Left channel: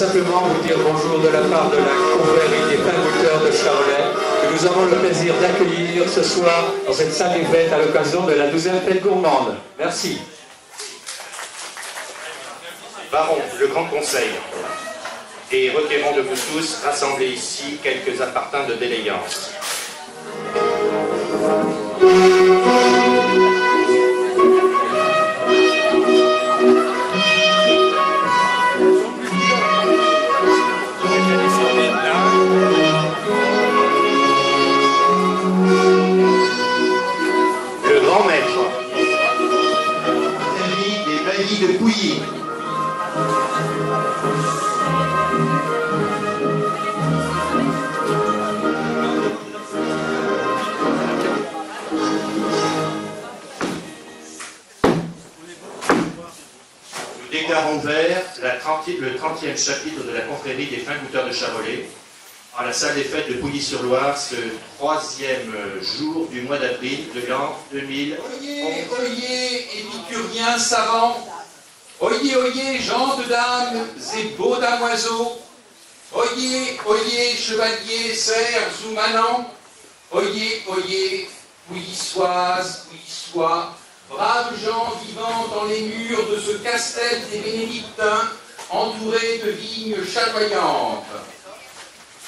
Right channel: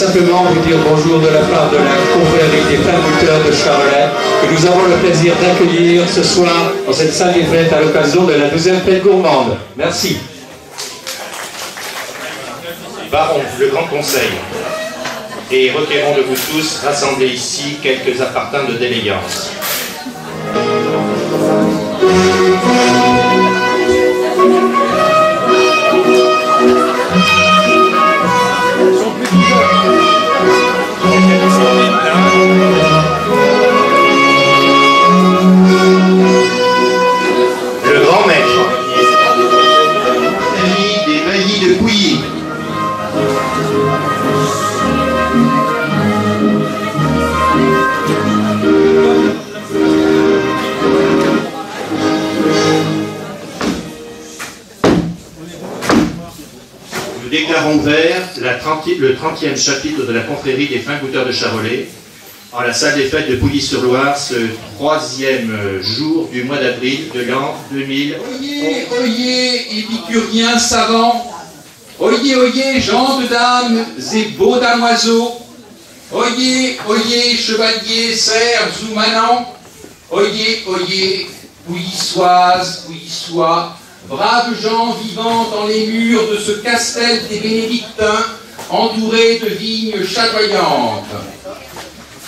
simplement vous dire bonjour de la part de la confrérie des Frères Goûteurs de Charolais, que nous avons le plaisir d'accueillir ce soir dans cette salle des fêtes à l'occasion de la 12e fête gourmande. Merci. Baron, le Grand Conseil, et requérons de vous tous rassemblés ici quelques appartins de d'élégance. Le grand maître, Ami des baillis de Pouilly. Nous déclarons ouvert le 30e chapitre de la confrérie des Fins Goûteurs de Charolais en la salle des fêtes de Pouilly-sur-Loire, ce 3e jour du mois d'avril de l'an 2000. Oyez, oyez, épicuriens savants, oyez, oyez, gens de dames et beaux damoiseaux, oyez, oyez, chevaliers, serfs ou manants, oyez, oyez, pouillissoises, pouillissois, braves gens vivant dans les murs de ce castel des Bénédictins, entourés de vignes chatoyantes.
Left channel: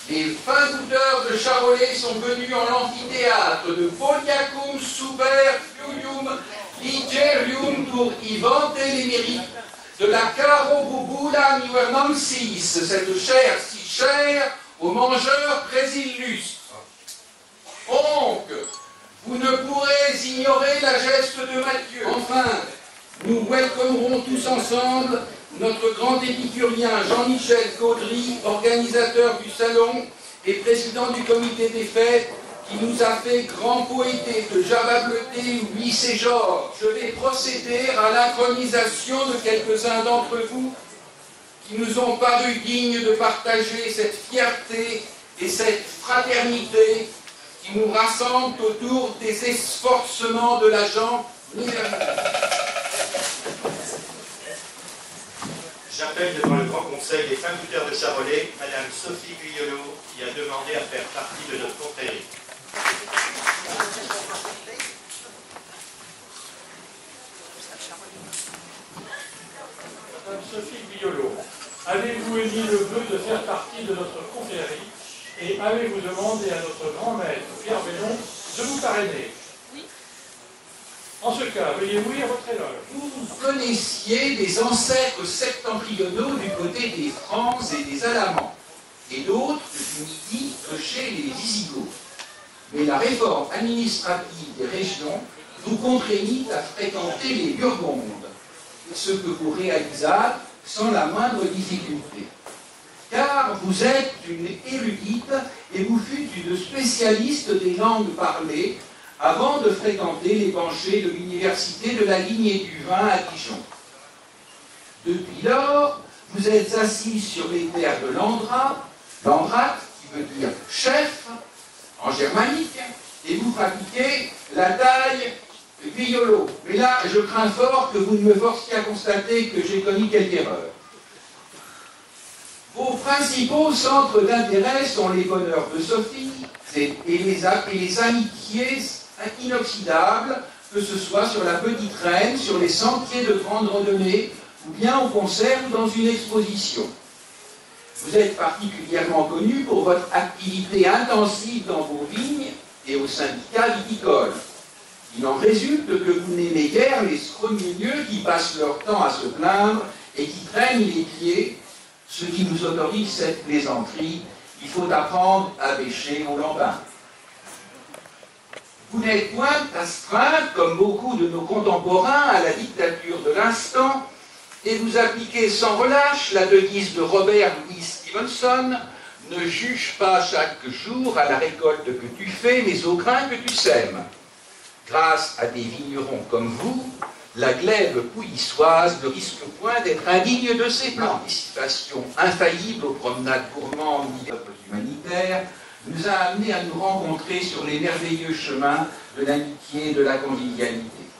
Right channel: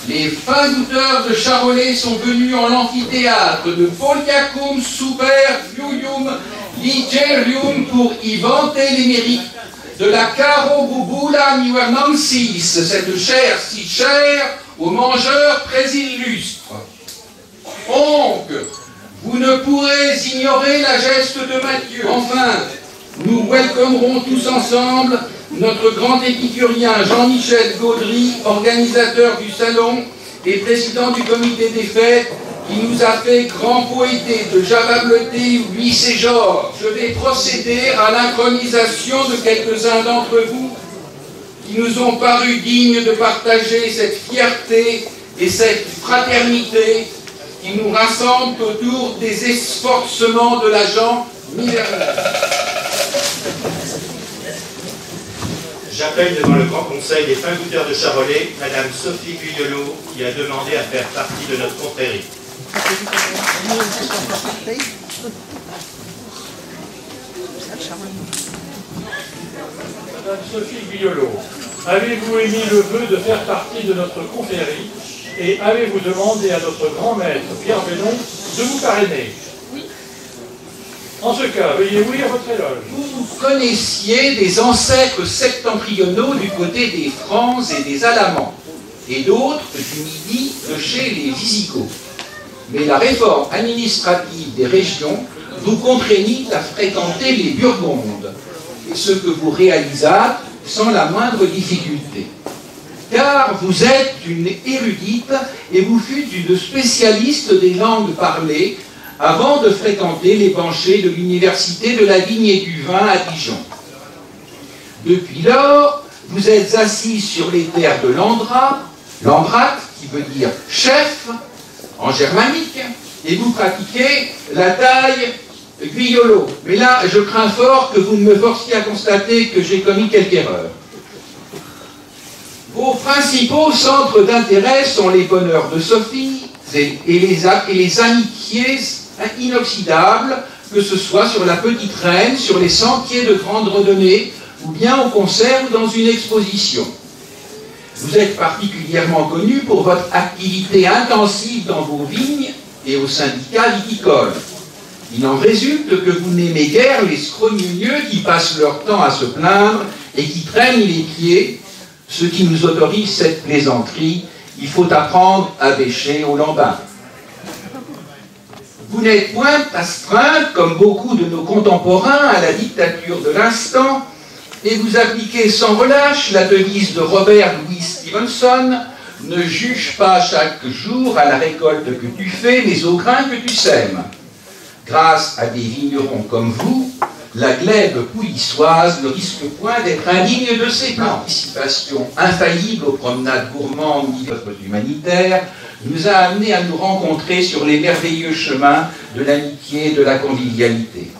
Les Fins Goûteurs de Charolais sont venus en l'amphithéâtre de Foliacum Super Fluium Ligerium pour y vanter les mérites de la Caro Bubula Nuernansis, cette chair si chère aux mangeurs très illustres. Donc, vous ne pourrez ignorer la geste de Matthieu. Enfin, nous welcomerons tous ensemble notre grand épicurien Jean-Michel Gaudry, organisateur du salon et président du comité des fêtes, qui nous a fait grand poété de Java Bleuté ou Louis Georges. Je vais procéder à l'inchronisation de quelques-uns d'entre vous qui nous ont paru dignes de partager cette fierté et cette fraternité qui nous rassemblent autour des esforcements de l'agent Minerval. J'appelle devant le Grand Conseil des Fins Goûteurs de Charolais, Madame Sophie Guyolot, qui a demandé à faire partie de notre confrérie. Madame Sophie Guyolot, avez-vous émis le vœu de faire partie de notre confrérie et avez-vous demandé à notre grand maître Pierre Bellon de vous parrainer? Oui. En ce cas, veuillez oui à votre éloge. Vous connaissiez des ancêtres septentrionaux du côté des Francs et des Alamans, et d'autres du Midi de chez les Visigoths. Mais la réforme administrative des régions vous contraignit à fréquenter les Burgondes, ce que vous réalisâtes sans la moindre difficulté. Car vous êtes une érudite et vous fûtes une spécialiste des langues parlées avant de fréquenter les banchets de l'Université de la Vigne et du Vin à Dijon. Depuis lors, vous êtes assis sur les terres de Landrat, qui veut dire chef, en germanique, et vous pratiquez la taille Guyolot. Mais là, je crains fort que vous ne me forciez à constater que j'ai commis quelque erreur. Vos principaux centres d'intérêt sont les bonheurs de Sophie et les amitiés inoxydables, que ce soit sur la Petite Reine, sur les sentiers de grande renommée, ou bien au concert ou dans une exposition. Vous êtes particulièrement connu pour votre activité intensive dans vos vignes et au syndicat viticole. Il en résulte que vous n'aimez guère les scrogneux qui passent leur temps à se plaindre et qui traînent les pieds, ce qui nous autorise cette plaisanterie. Il faut apprendre à bêcher au lambin. Vous n'êtes point astreinte, comme beaucoup de nos contemporains, à la dictature de l'instant, et vous appliquez sans relâche la devise de Robert Louis Stevenson: ne juge pas chaque jour à la récolte que tu fais, mais au grain que tu sèmes. Grâce à des vignerons comme vous, la glèbe pouillissoise ne risque point d'être indigne de ses plans. Participation infaillible aux promenades gourmandes humanitaires nous a amenés à nous rencontrer sur les merveilleux chemins de l'amitié et de la convivialité.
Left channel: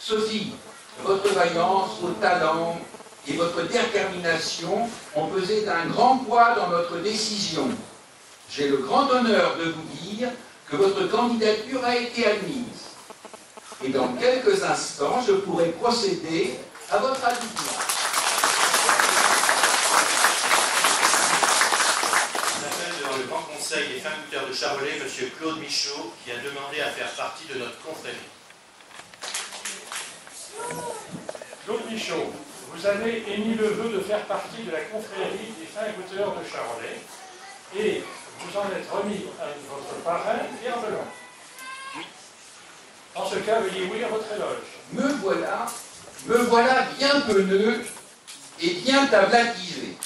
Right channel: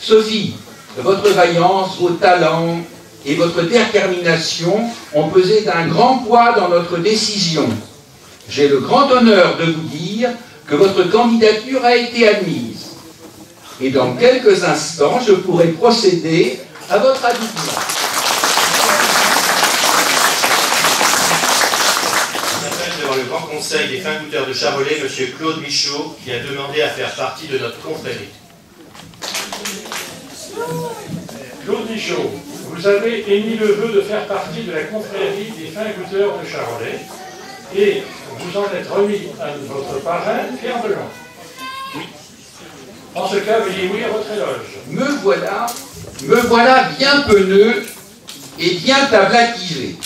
Sophie, votre vaillance, vos talents et votre détermination ont pesé d'un grand poids dans notre décision. J'ai le grand honneur de vous dire que votre candidature a été admise. Et dans quelques instants, je pourrai procéder à votre admission. J'appelle devant le Grand Conseil des fins goûteurs de Charolais, M. Claude Michaud, qui a demandé à faire partie de notre confrérie. Claude Michaud, vous avez émis le vœu de faire partie de la confrérie des fins goûteurs de Charolais et vous en êtes remis à votre parrain, Pierre Belon. Oui. En ce cas, veuillez oui à votre éloge. Me voilà bien penaud et bien tablatisé.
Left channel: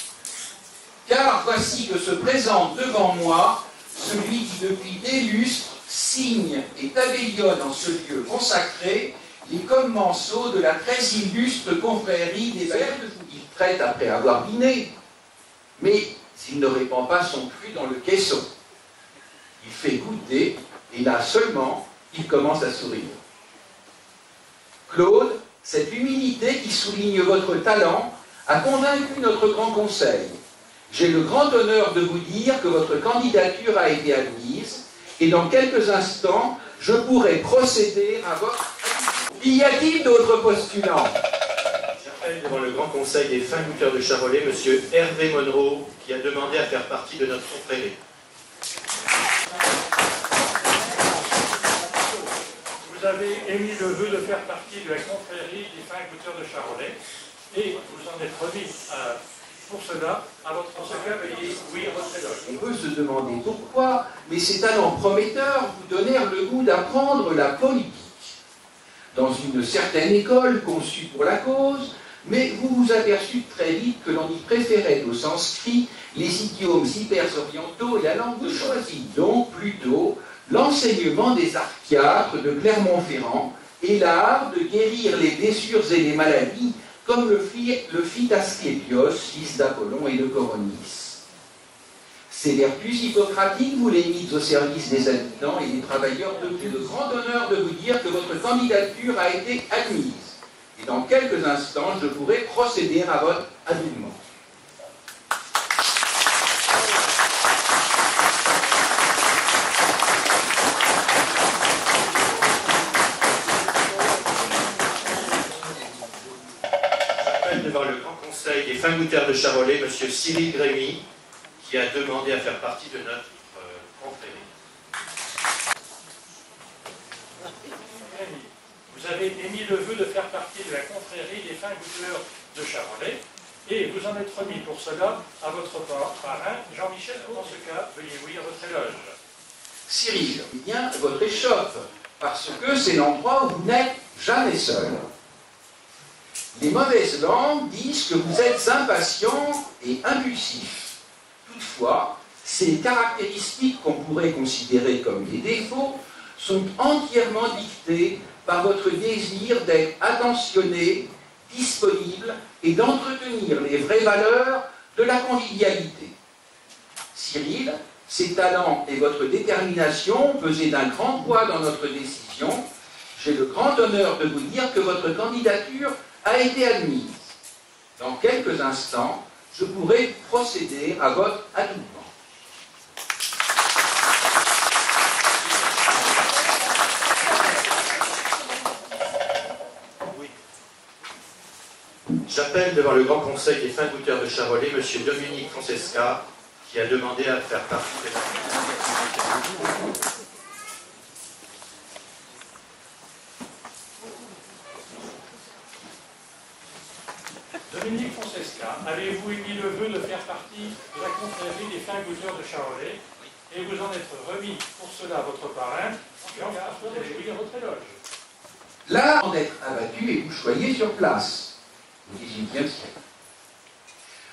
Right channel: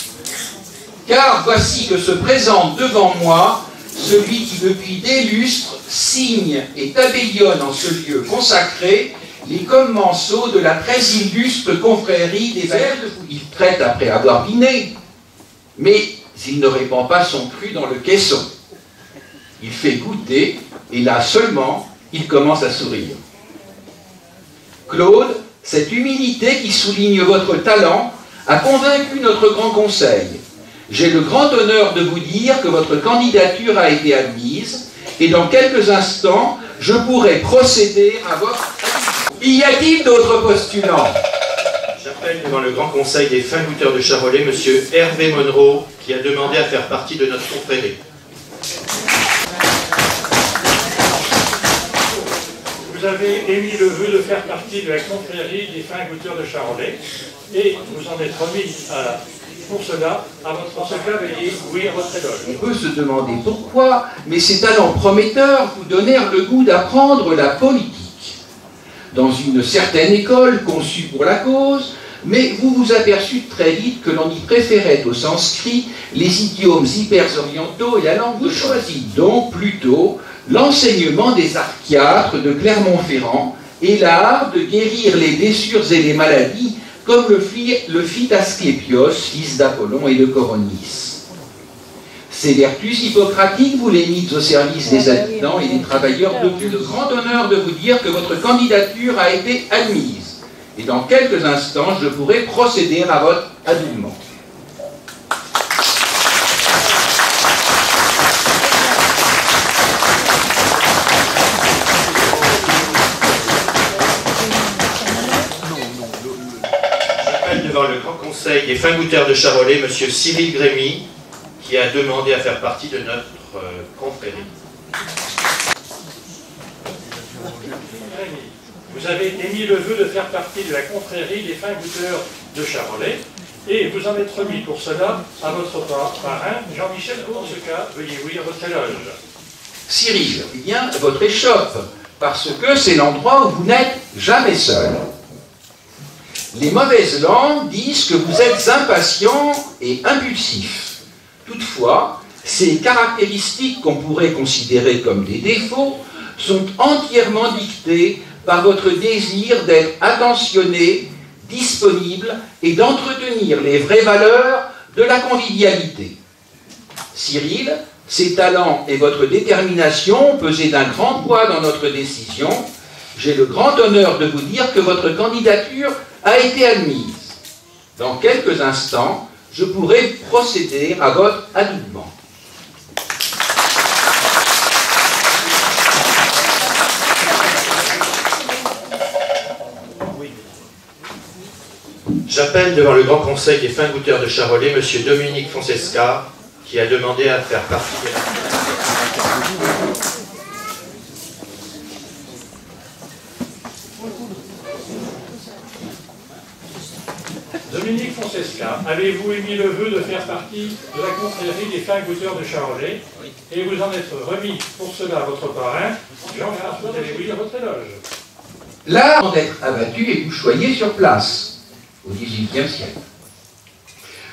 Car voici que se présente devant moi celui qui depuis des lustres signe et tabellionne en ce lieu consacré les commensaux de la très illustre confrérie des Verts. Il traite après avoir dîné, mais il ne répand pas son cru dans le caisson. Il fait goûter, et là seulement, il commence à sourire. Claude, cette humilité qui souligne votre talent a convaincu notre grand conseil. J'ai le grand honneur de vous dire que votre candidature a été admise, et dans quelques instants, je pourrai procéder à votre... Y a-t-il d'autres postulants? J'appelle devant le Grand Conseil des fins goûteurs de Charolais, M. Hervé Monroe, qui a demandé à faire partie de notre confrérie. Vous avez émis le vœu de faire partie de la confrérie des fins goûteurs de Charolais et vous en êtes remis pour cela à votre secrétaire. Veuillez oui à votre éloge. On peut se demander pourquoi, mais ces talents prometteurs vous donnèrent le goût d'apprendre la politique. Dans une certaine école conçue pour la cause, mais vous vous aperçûtes très vite que l'on y préférait au sanskrit les idiomes hyper-orientaux et la langue. Vous choisissez donc plutôt l'enseignement des archiatres de Clermont-Ferrand et l'art de guérir les blessures et les maladies comme le fit Asclépios, fils d'Apollon et de Coronis. Ces vertus hippocratiques, vous les mises au service des habitants et des travailleurs depuis le grand honneur de vous dire que votre candidature a été admise. Et dans quelques instants, je pourrai procéder à votre adminement. J'appelle devant le Grand Conseil des fins goûteurs de Charolais, M. Cyril Grémy, qui a demandé à faire partie de notre confrérie. Vous avez émis le vœu de faire partie de la confrérie des fins goûteurs de Charolais et vous en êtes remis pour cela à votre parrain, Jean-Michel Courseca. Veuillez oui à votre éloge. Cyril, eh bien, votre échoppe, parce que c'est l'endroit où vous n'êtes jamais seul. Les mauvaises langues disent que vous êtes impatient et impulsif. Toutefois, ces caractéristiques qu'on pourrait considérer comme des défauts sont entièrement dictées par votre désir d'être attentionné, disponible et d'entretenir les vraies valeurs de la convivialité. Cyril, ces talents et votre détermination ont pesé d'un grand poids dans notre décision. J'ai le grand honneur de vous dire que votre candidature a été admise. Dans quelques instants, je pourrai procéder à votre habillement. J'appelle devant le Grand Conseil des fins goûteurs de Charolais, M. Dominique Francesca, qui a demandé à faire partie de Dominique Francesca, avez-vous émis le vœu de faire partie de la confrérie des fins goûteurs de Charolais et vous en êtes remis pour cela à votre parrain, Jean-François Téléville, à votre éloge. Là, d'être abattu et couchoyé sur place, au XVIIIe siècle.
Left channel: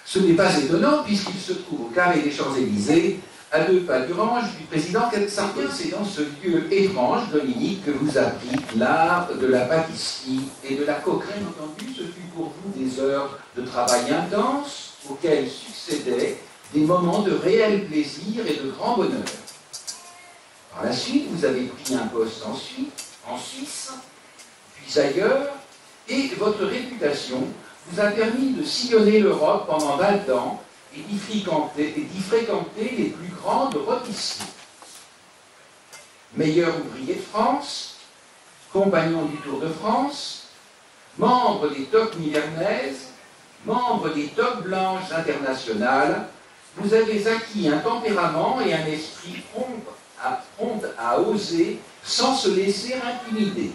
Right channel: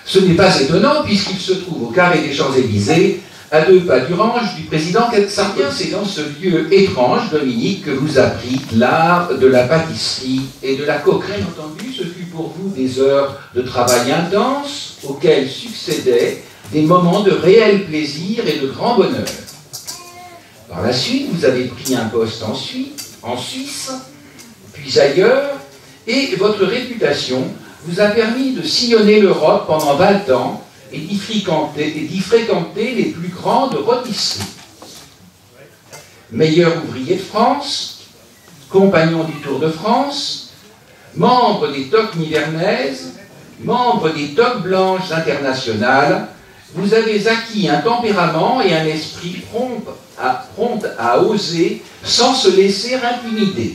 Ce n'est pas étonnant puisqu'il se trouve au carré des Champs-Élysées, à 2 pas du range du président Sarkozy. C'est dans ce lieu étrange, Dominique, que vous apprit l'art de la pâtisserie et de la coquerie. Bien entendu, ce fut pour vous des heures de travail intense auxquelles succédaient des moments de réel plaisir et de grand bonheur. Par la suite, vous avez pris un poste en Suisse, puis ailleurs, et votre réputation vous a permis de sillonner l'Europe pendant 20 ans et d'y fréquenter les plus grandes rôtisseries. Meilleur ouvrier de France, compagnon du Tour de France, membre des toques nivernaises, membre des toques blanches internationales, vous avez acquis un tempérament et un esprit prompt à oser sans se laisser intimider.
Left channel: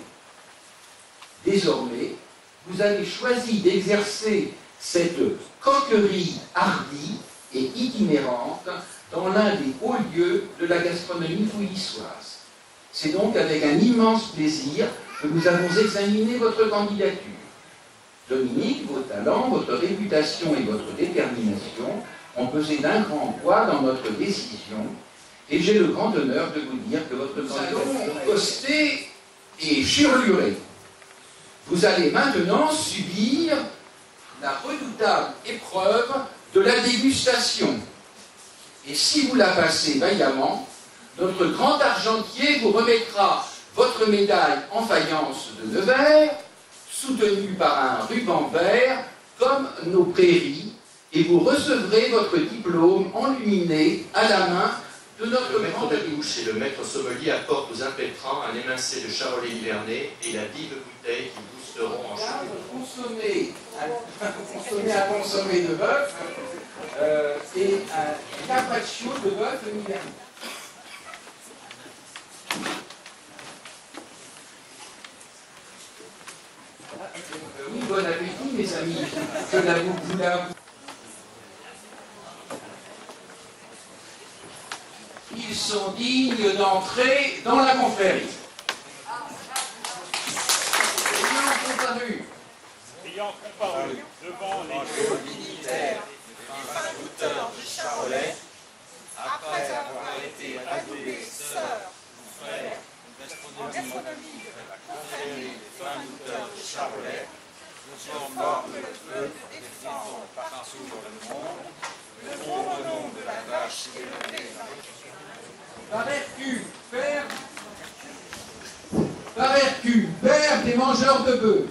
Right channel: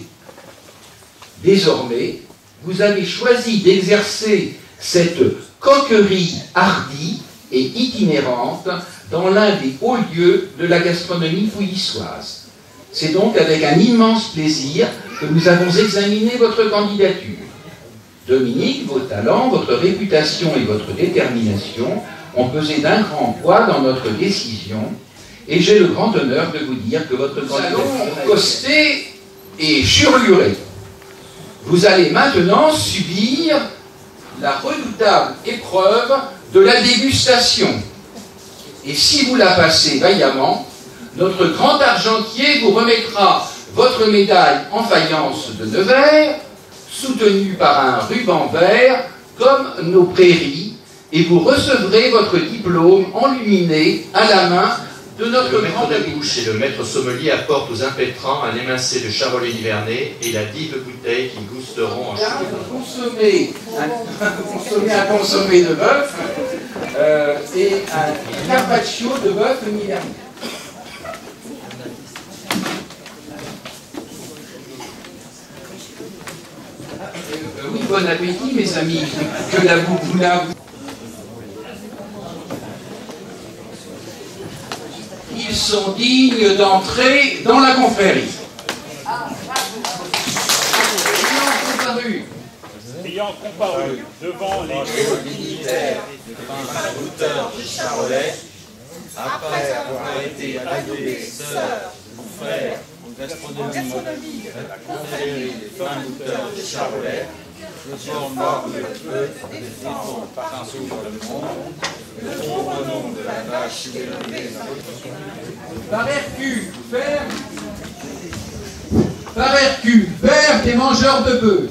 Désormais, vous avez choisi d'exercer cette coquerie hardie et itinérante dans l'un des hauts lieux de la gastronomie pouillissoise. C'est donc avec un immense plaisir que nous avons examiné votre candidature. Dominique, vos talents, votre réputation et votre détermination ont pesé d'un grand poids dans notre décision, et j'ai le grand honneur de vous dire que votre candidature est costée et churlurée. Vous allez maintenant subir la redoutable épreuve de la dégustation. Et si vous la passez vaillamment, notre grand argentier vous remettra votre médaille en faïence de Nevers, soutenue par un ruban vert, comme nos prairies, et vous recevrez votre diplôme enluminé à la main de notre grand maître de bouche et le maître sommelier apportent aux impétrants un émincé de charolais nivernais et la dive bouteille qui boosteront en consommer un consommé de bœuf et un carpaccio de bœuf nivernais. Oui, bon appétit, mes amis. Que la boubouna. Ils sont dignes d'entrer dans la confrérie. Ayant comparu devant les dignitaires des fins goûteurs de Charolais, après avoir été adobés sœurs ou frères en gastronomie de la confrérie des fins goûteurs de Charolais, faisons mort le feu et défendons partout sur le monde le bon renom de la vache élevée dans notre commune. Par RQ, vert des mangeurs de bœufs.